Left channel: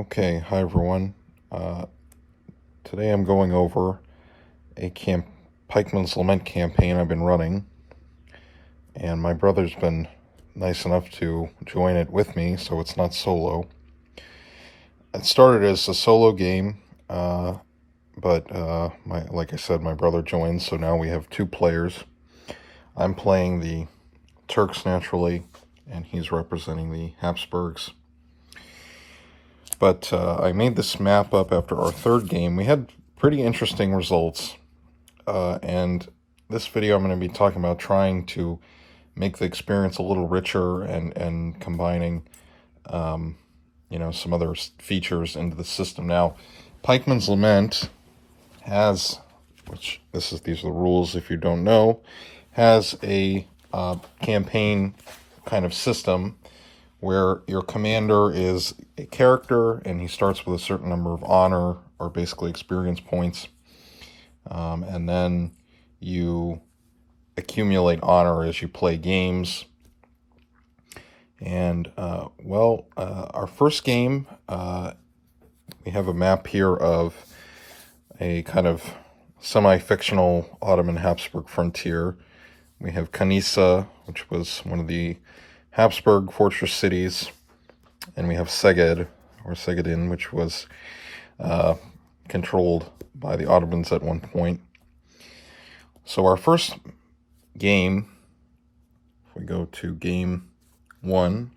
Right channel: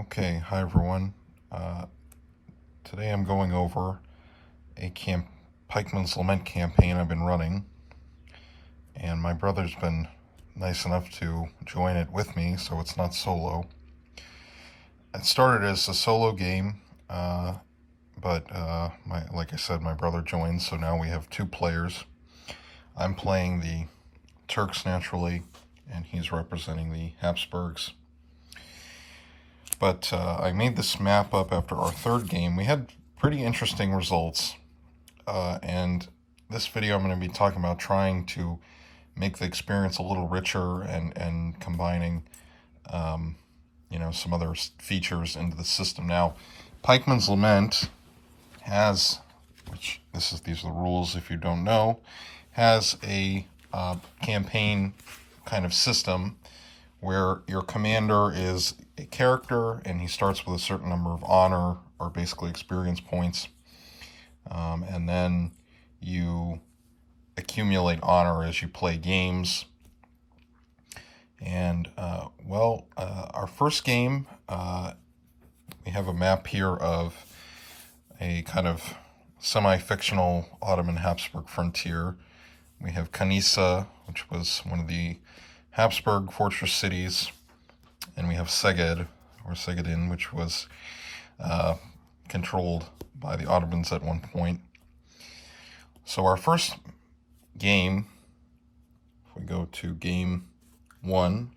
Okay, hi everyone. Today I'm going over a Pikeman's Lament campaign I've been running, and my brother's been nice enough to join it with me, so it's not solo. It started as a solo game, but like I said, my brother joined, so now we have two players. I'm playing the Turks naturally, and he's representing the Habsburgs. But I made this map up after our third game. We had pretty interesting results. And this video I'm going to be talking about trying to make the experience a little richer and combining, some other features into the system. Now, Pikeman's Lament has, these are the rules if you don't know, has a campaign kind of system where your commander is a character and he starts with a certain number of honor, or basically experience points, and then you accumulate honor as you play games. And our first game, we have a map here of a kind of semi-fictional Ottoman-Habsburg frontier. We have Kanisa, which was one of the Habsburg fortress cities, and we have Szeged, or Szegedin, which was controlled by the Ottomans at one point. So our first game, if we go to game 1,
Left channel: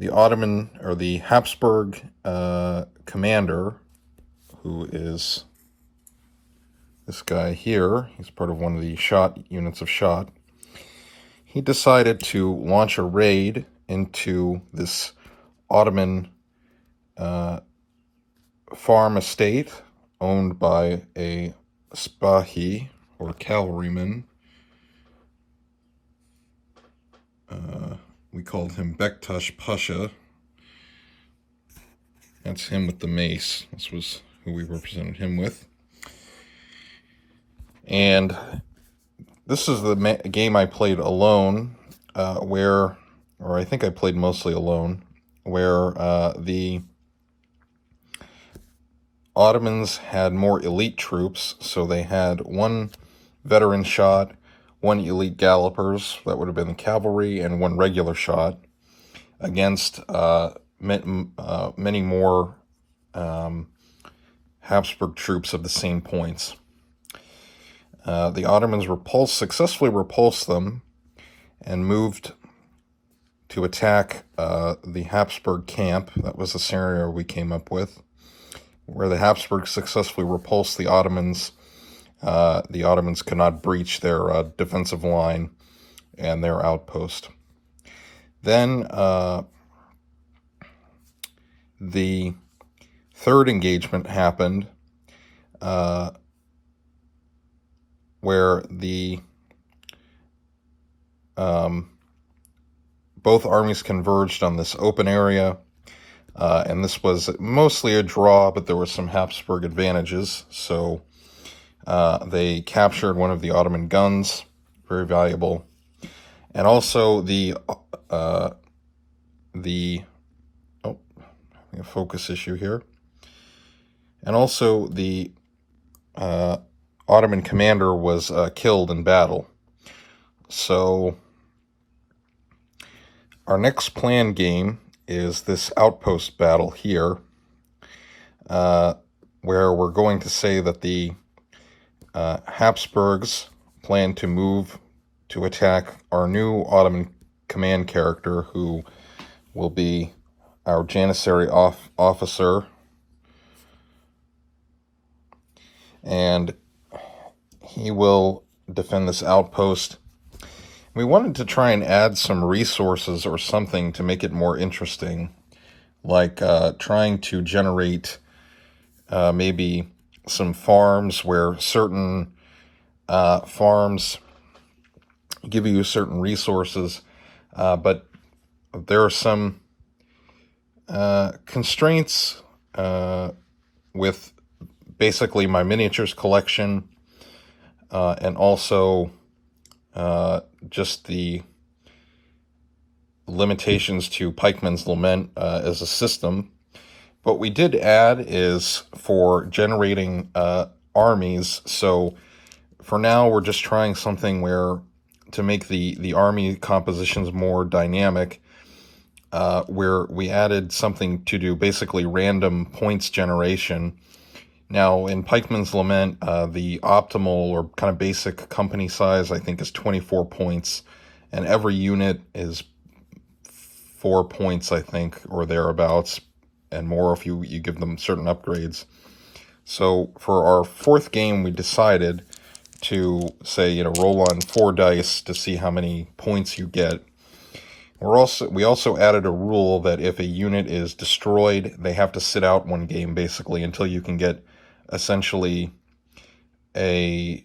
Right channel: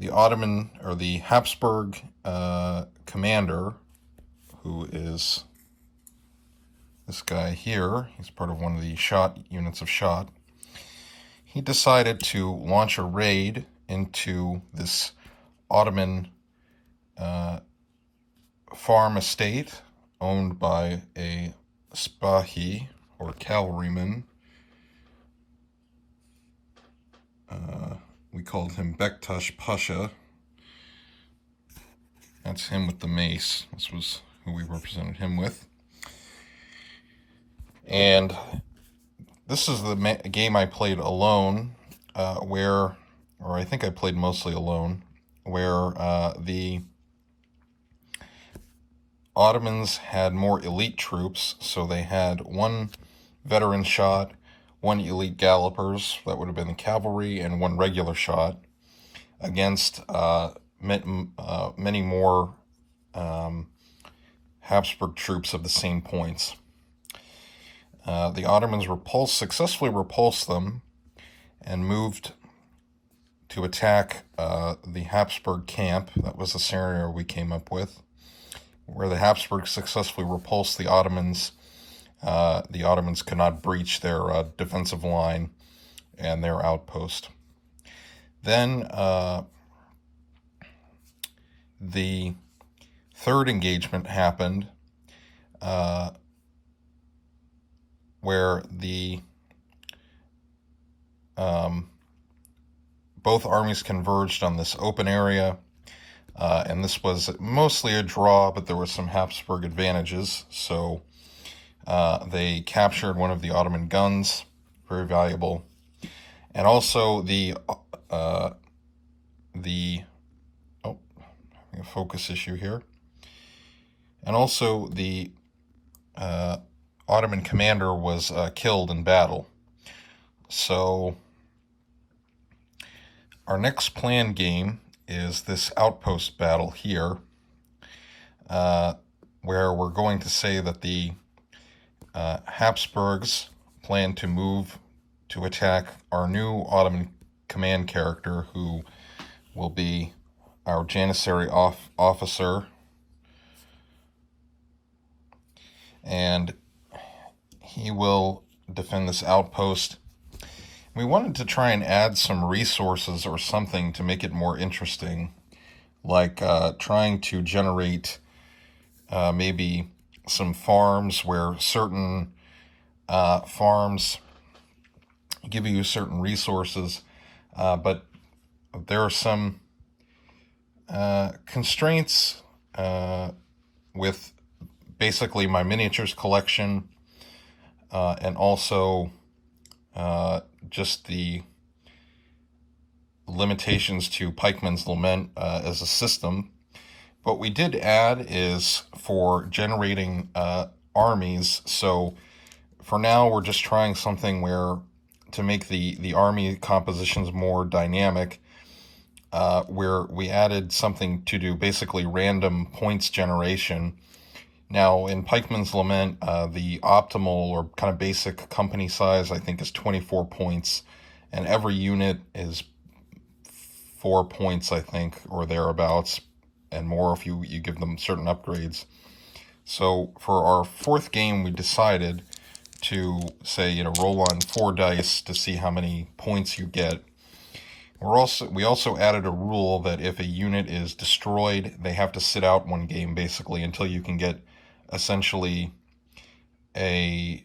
the Ottoman, or the Habsburg commander, who is this guy here, he's part of one of the units of shot. He decided to launch a raid into this Ottoman farm estate owned by a Spahi, or cavalryman. We called him Bektash Pasha. That's him with the mace. This was who we represented him with. And this is the game I played alone, or I think I played mostly alone, where the Ottomans had more elite troops, so they had one veteran shot, one elite gallopers, that would have been the cavalry, and one regular shot, against many more Habsburg troops of the same points. The Ottomans successfully repulsed them and moved to attack the Habsburg camp. That was the scenario we came up with, where the Habsburgs successfully repulsed the Ottomans. The Ottomans could not breach their defensive line and their outpost. Then the third engagement happened, where the both armies converged on this open area, and this was mostly a draw, but there were some Habsburg advantages. So they captured one of the Ottoman guns, very valuable, and also a focus issue here, and also the Ottoman commander was killed in battle. So our next planned game is this outpost battle here, where we're going to say that the Habsburgs plan to move to attack our new Ottoman command character, who will be our Janissary officer, and he will defend this outpost. We wanted to try and add some resources or something to make it more interesting, like trying to generate maybe some farms where certain farms give you certain resources, but there are some constraints with basically my miniatures collection, and also just the limitations to Pikeman's Lament as a system. What we did add is for generating armies. So for now, we're just trying something where to make the army compositions more dynamic, where we added something to do basically random points generation. Now, in Pikeman's Lament, the optimal or kind of basic company size, I think, is 24 points, and every unit is 4 points, I think, or thereabouts, and more if you give them certain upgrades. So for our fourth game, we decided to say, roll on 4 dice to see how many points you get. We also added a rule that if a unit is destroyed, they have to sit out one game basically until you can get essentially a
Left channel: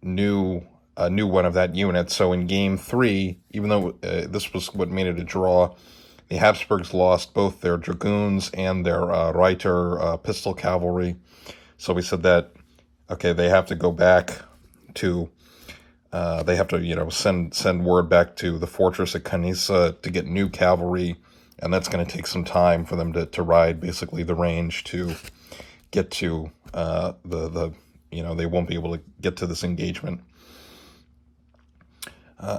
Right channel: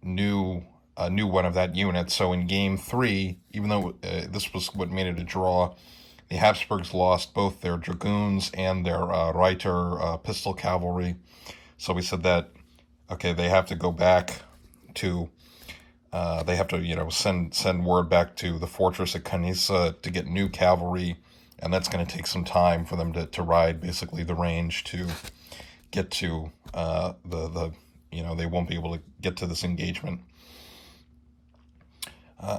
new one of that unit. So in game 3, even though this was what made it a draw, the Habsburgs lost both their dragoons and their Reiter pistol cavalry. So we said that, okay, they have to go back to, they have to, send word back to the fortress at Canisa to get new cavalry, and that's going to take some time for them to ride basically the range to get to they won't be able to get to this engagement.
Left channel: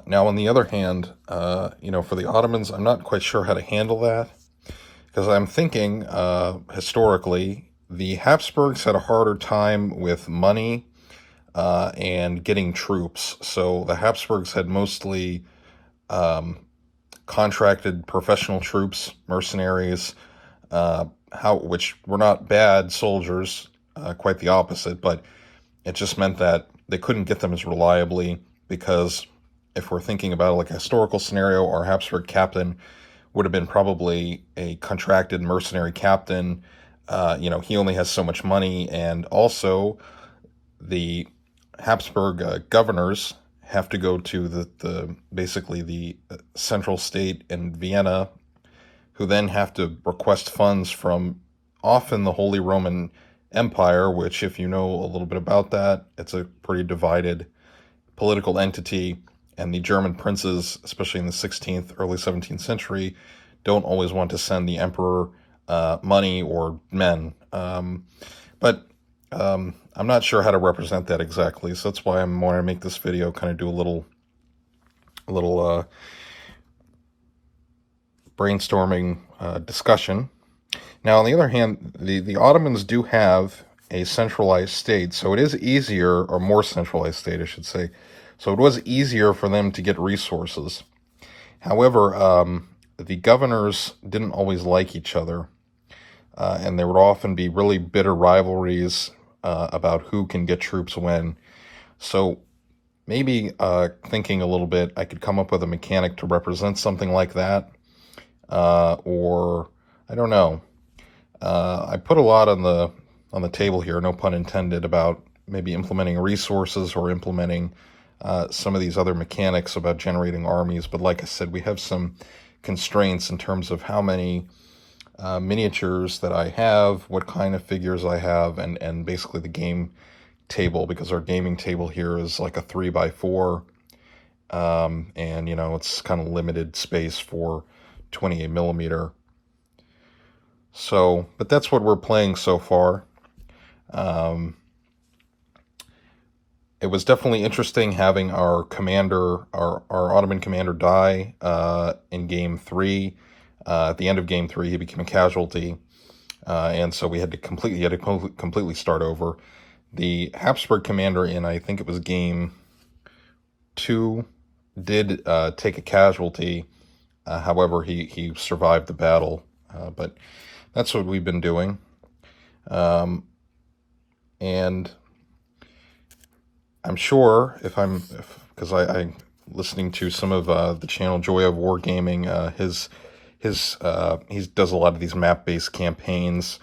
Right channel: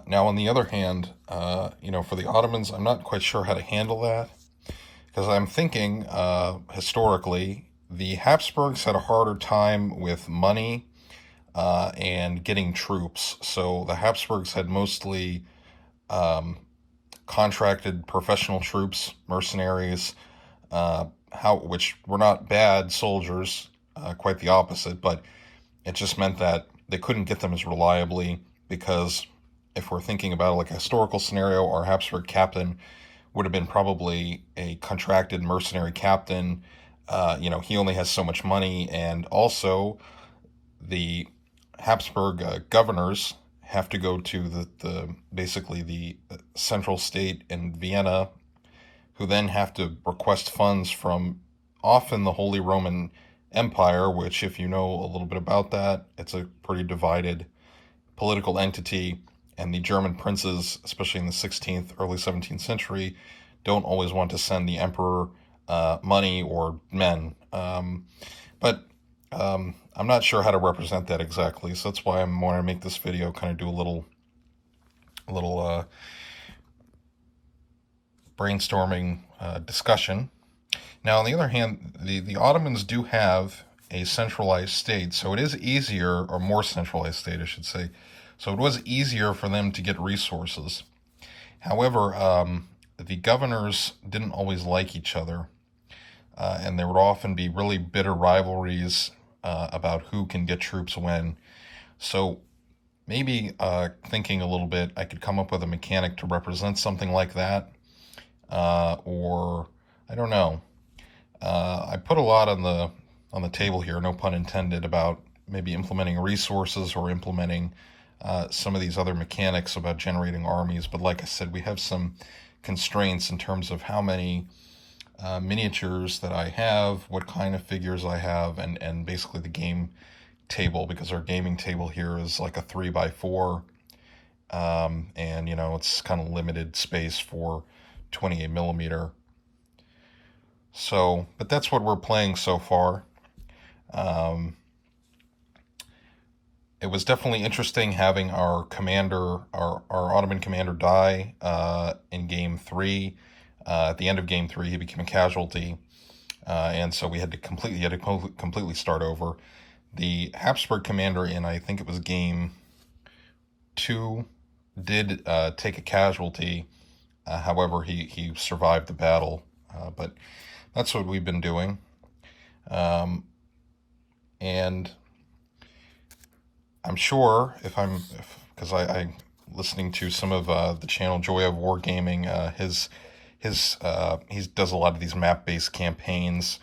Now, on the other hand, for the Ottomans, I'm not quite sure how to handle that, because I'm thinking, historically, the Habsburgs had a harder time with money and getting troops. So the Habsburgs had mostly contracted professional troops, mercenaries, which were not bad soldiers, quite the opposite, but it just meant that they couldn't get them as reliably, because if we're thinking about like a historical scenario, our Habsburg captain would have been probably a contracted mercenary captain. He only has so much money, and also the Habsburg governors have to go to basically the central state in Vienna, who then have to request funds from often the Holy Roman Empire, which, if you know a little bit about that, it's a pretty divided political entity, and the German princes, especially in the 16th, early 17th century, don't always want to send the emperor money or men. But I'm not sure how to represent that exactly, so that's why I'm wanting to make this video, kind of do a little brainstorming discussion. Now, on the other hand, the Ottomans do have a centralized state, so it is easier, or more centralized state, I should say. So it was easier for them to get resources. However, the governors didn't always like each other, and there would often be really bitter rivalries about who can get troops when. So maybe thinking a little bit, I could come up with a mechanic to represent something like that, or I don't know. I put a lot on the table here, no pun intended, about maybe implementing resources or implementing some of these other mechanics about generating armies. But like I said, we have some constraints in terms of how many miniatures that I have, what kind of figures I have, and basically the game table, because our gaming table here is like a 3x4, and it's kind of limited space for 28 millimeter. So, but that's what we're playing so far. It was definitely interesting having our commander, our Ottoman commander, die in game 3. At the end of game 3, he became a casualty, and so we had to completely start over. The Habsburg commander in, I think it was game 2, did take a casualty. However, he survived the battle. But that's what we've been doing. And I'm sure because I'm listening to some of the channel Joy of Wargaming, he does a lot of these map-based campaigns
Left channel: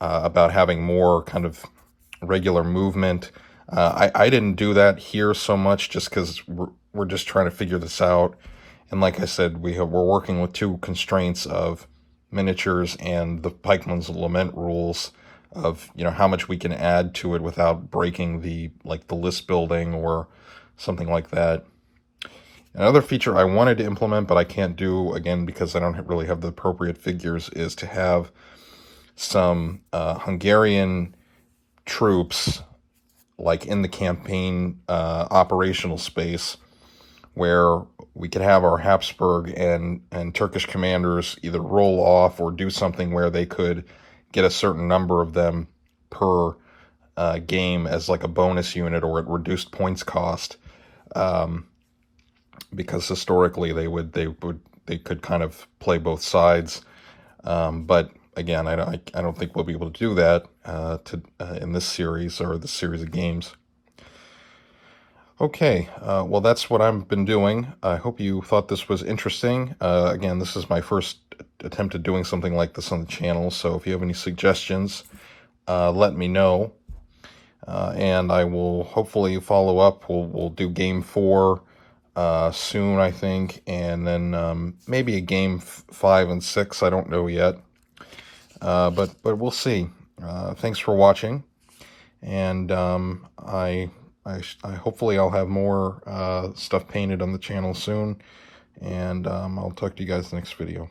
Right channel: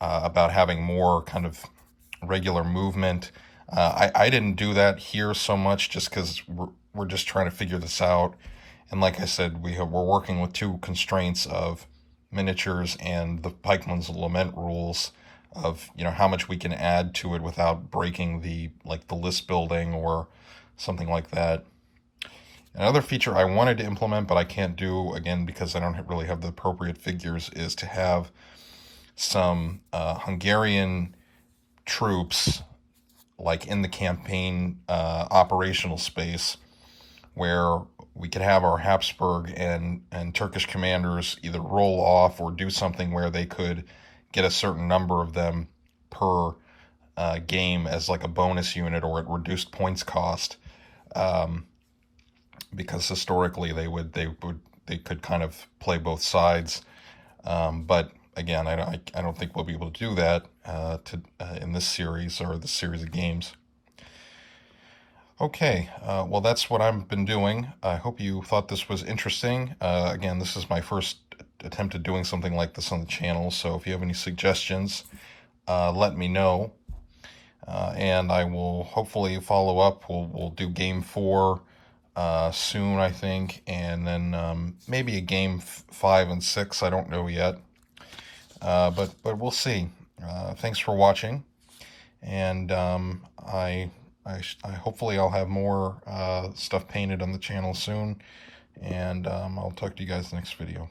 about having more kind of regular movement. I didn't do that here so much, just because we're just trying to figure this out. And like I said, we're working with 2 constraints of miniatures and the Pikeman's Lament rules of how much we can add to it without breaking the list building or something like that. Another feature I wanted to implement, but I can't do, again, because I don't really have the appropriate figures, is to have some Hungarian troops, like in the campaign operational space, where we could have our Habsburg and Turkish commanders either roll off or do something where they could get a certain number of them per game as like a bonus unit or at reduced points cost, because historically they could kind of play both sides, but again, I don't think we'll be able to do that in this series or this series of games. Okay, well, that's what I've been doing. I hope you thought this was interesting. Again, this is my first attempt at doing something like this on the channel, so if you have any suggestions, let me know. And I will hopefully follow up. We'll do game 4 soon, I think, and then maybe a game 5 and 6. I don't know yet, but we'll see. Thanks for watching, and I hopefully I'll have more stuff painted on the channel soon, and I'll talk to you guys next video.